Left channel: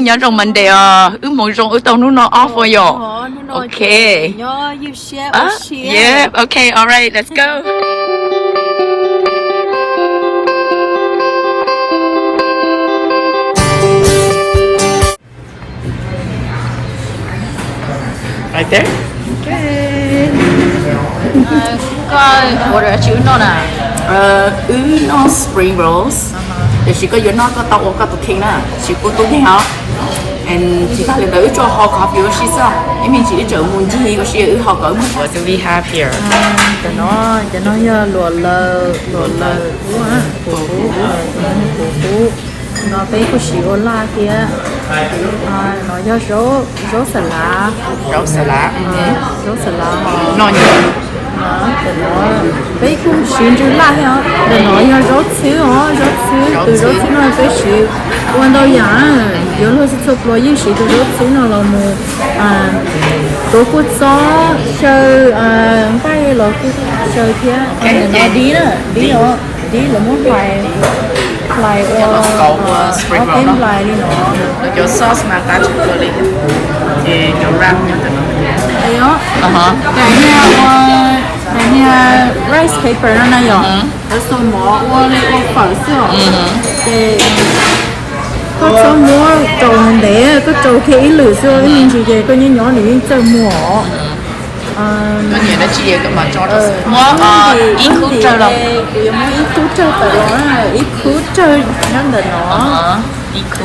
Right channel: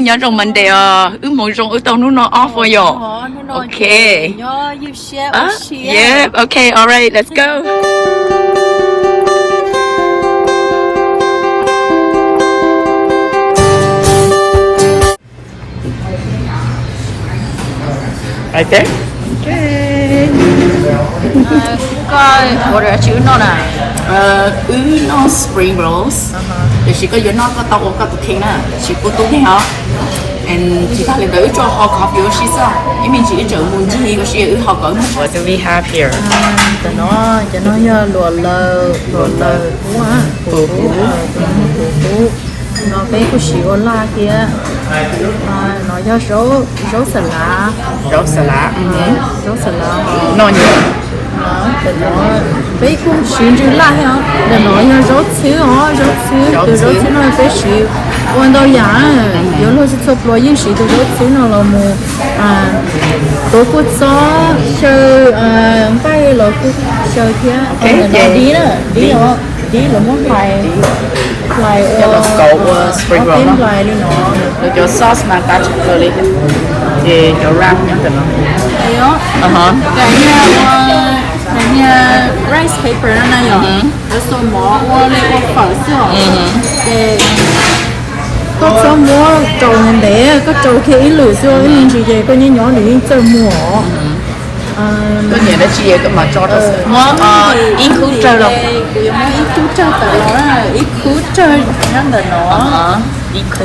nhớ trong mình để một trong tàu nó off for you. Okay. You share. Yeah. Okay. All right. Let's go. Right there. Okay. Coi, bộ đồ chữ nó nè. Nó spring rolls. Thì chỉ có nó có tàu có tụ kinh nè, chỉ có tụ kinh hả? And chỉ ta lên tới cho họ coffee rồi xí sao? Em mình chỉ chờ muốn gì rồi xí họ có một. What do we have here? Cho nó giờ lùa lờ phú á, phú. Nó bé của xíu la kia. Nó giờ rau salad. Rau salad. Rau salad. Nó nhiều. Nó bé cũng xíu chữ la hả? Để nó giờ rau xíu từ rau xíu nó bé xíu. Quan đâu giả, giờ nó sẽ chụp lo những sự từ rau xíu nó là một tổ quốc gió chơi bay là quốc chơi kia. Nó đi là món lại spring roll nó. Được cho sauce mà cá chấm rồi đi. Thì cho ram nhá tụi nó. Đó. Cái nhà rice paper nó này rồi. Nó số mỏ qua lấy phở xíu. Để có số mua trầu mình để có trầu khi ít lửa xíu với mình chỉ để có những nhỏ để chơi mỏ. Có nhiều nó chia cái mà cho nó ít khú chơi đâu. Bây giờ muốn ít khú chơi tại nó là ít khú chơi nên là nó ít khú.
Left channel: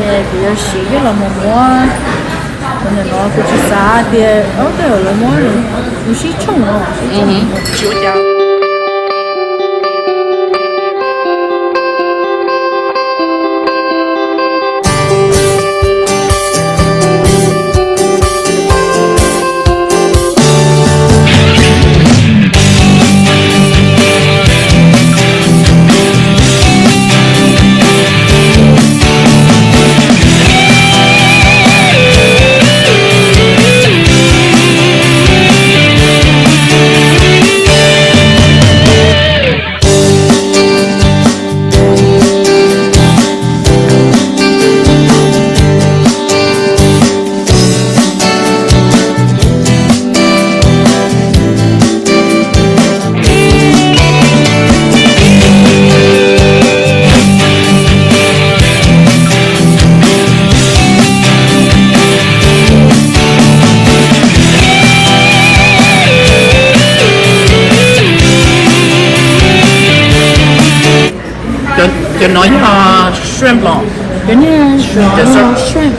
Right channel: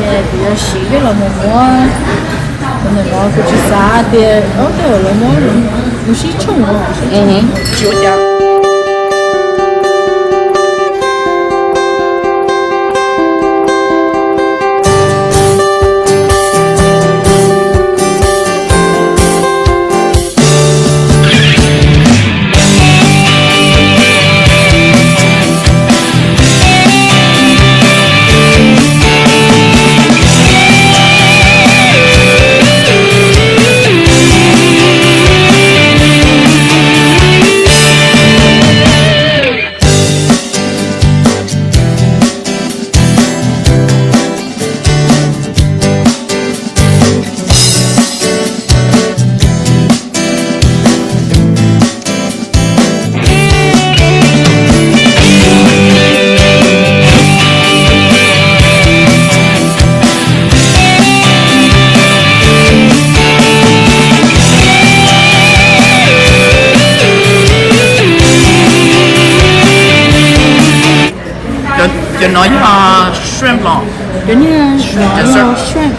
Bây giờ chỉ cái là một mua nên là nó cũng chỉ giá thì ở đây là mua rồi cũng chỉ chung rồi. Chịu chào. Cho nói shrimp lò. Cái như shrimp, brown shrimp,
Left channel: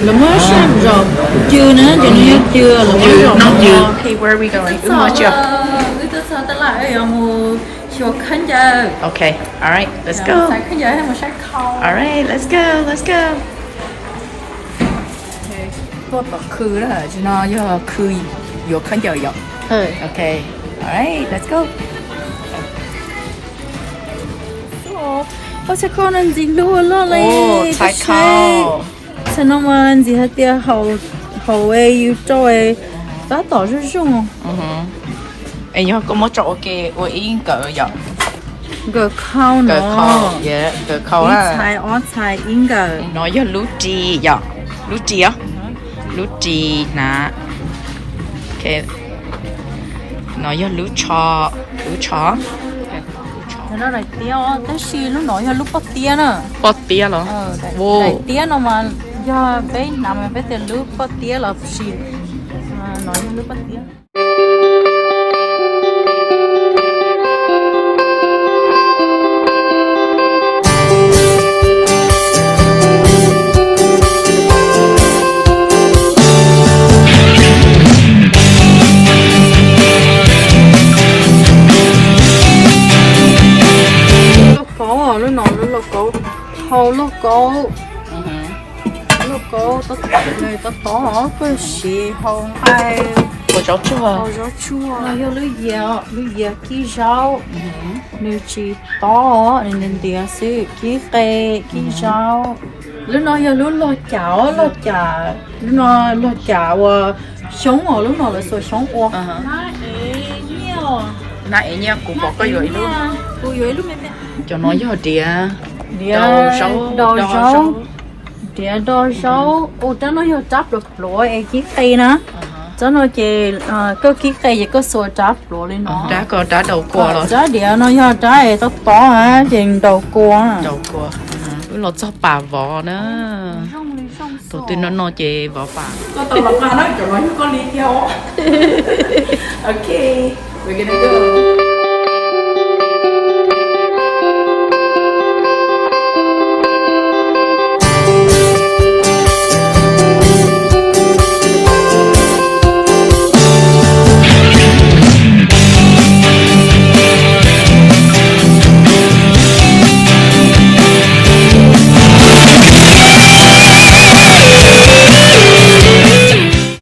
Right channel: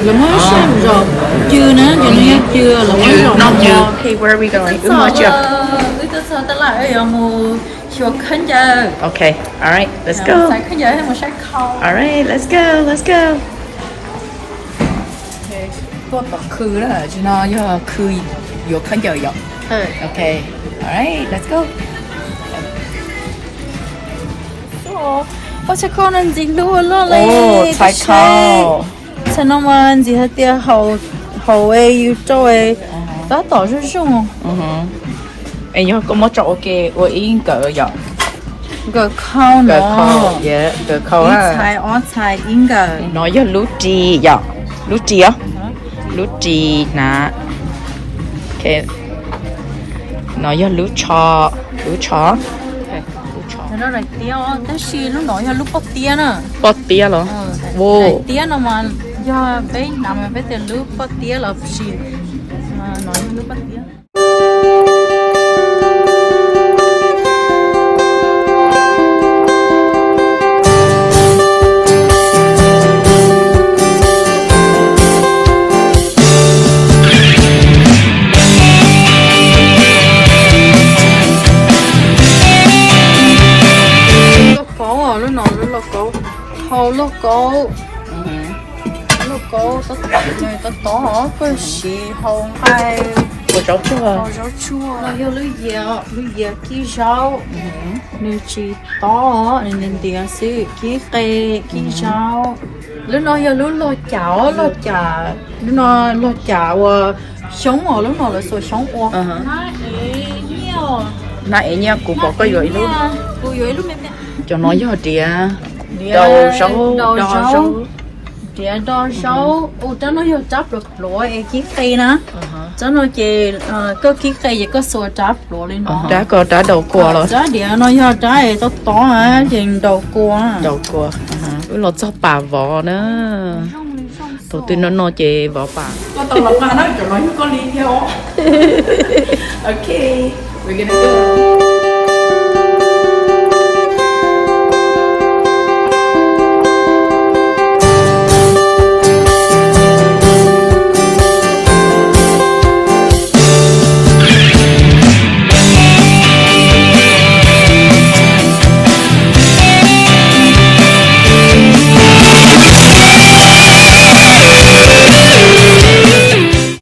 là mới shrimp rồi, chưa nữa, cái như chưa là mới rồi. Not chưa. Okay, where are we going? Mà chưa. Tôi sợ ta lại ở một chỗ khán giả. Okay, all right, let's go. Sai khán giả hay một sai khâu. All right, let's go, let's go. Okay, tôi bảo khứ đó, chứ nó giờ khứ vô khán giả vậy. Okay, all right, let's go. Có sẽ con ăn gì luôn lo lên. Thái khâu. Sao nó mà ăn gì hết tia hầu ấy yêu trôi. Đó tỏ rất rung. Em nhớ có một chỗ kia, tôi yên cỡ vậy. Gờ khâu nó. Gờ khâu, yeah, gờ khâu á. Thái ó thái yên gờ. Nói giờ lú trì vậy. Lú trì á. Lú trì nè. Okay. Nói giờ lú chó. Lú chó. Nó là tia, cái gì lúc nói là lúc bắt tia nữa. Bắt tia rồi. Vô. Tia nó mà do bé nằm bé tiền lúc bắt tia là gì. Nói lúc bắt tia. Lúc có người ta có cái gì không ai Ủa rau chua. Rau chua. Nó yêu lưỡi dẻ kí rau. Mình chỉ to nên tiền sĩ kí cây kí rau. Lúc nó yêu lúc lo chảo lúc nó lo chảo sống ở lúc nó là số sống ở. Nãy nha cũng có cái gì luôn. Cô dưới lúc này. Cho nó vô địa. đầu sấu Đĩa đo sấu ô cho nó vô chắp được lúa em chiếc cây nữa cho nó chỉ có chiếc cây gì có sôi chắp lúa lên đó đã có đã đầu cua rồi giá đĩa nó vô trái ấy tóc to á thì đầu cua với lột cho bà vỏ nữa đầu tiên nó chè vỏ bà có tao lọc ra nó cho nó có ly theo ok we're gonna go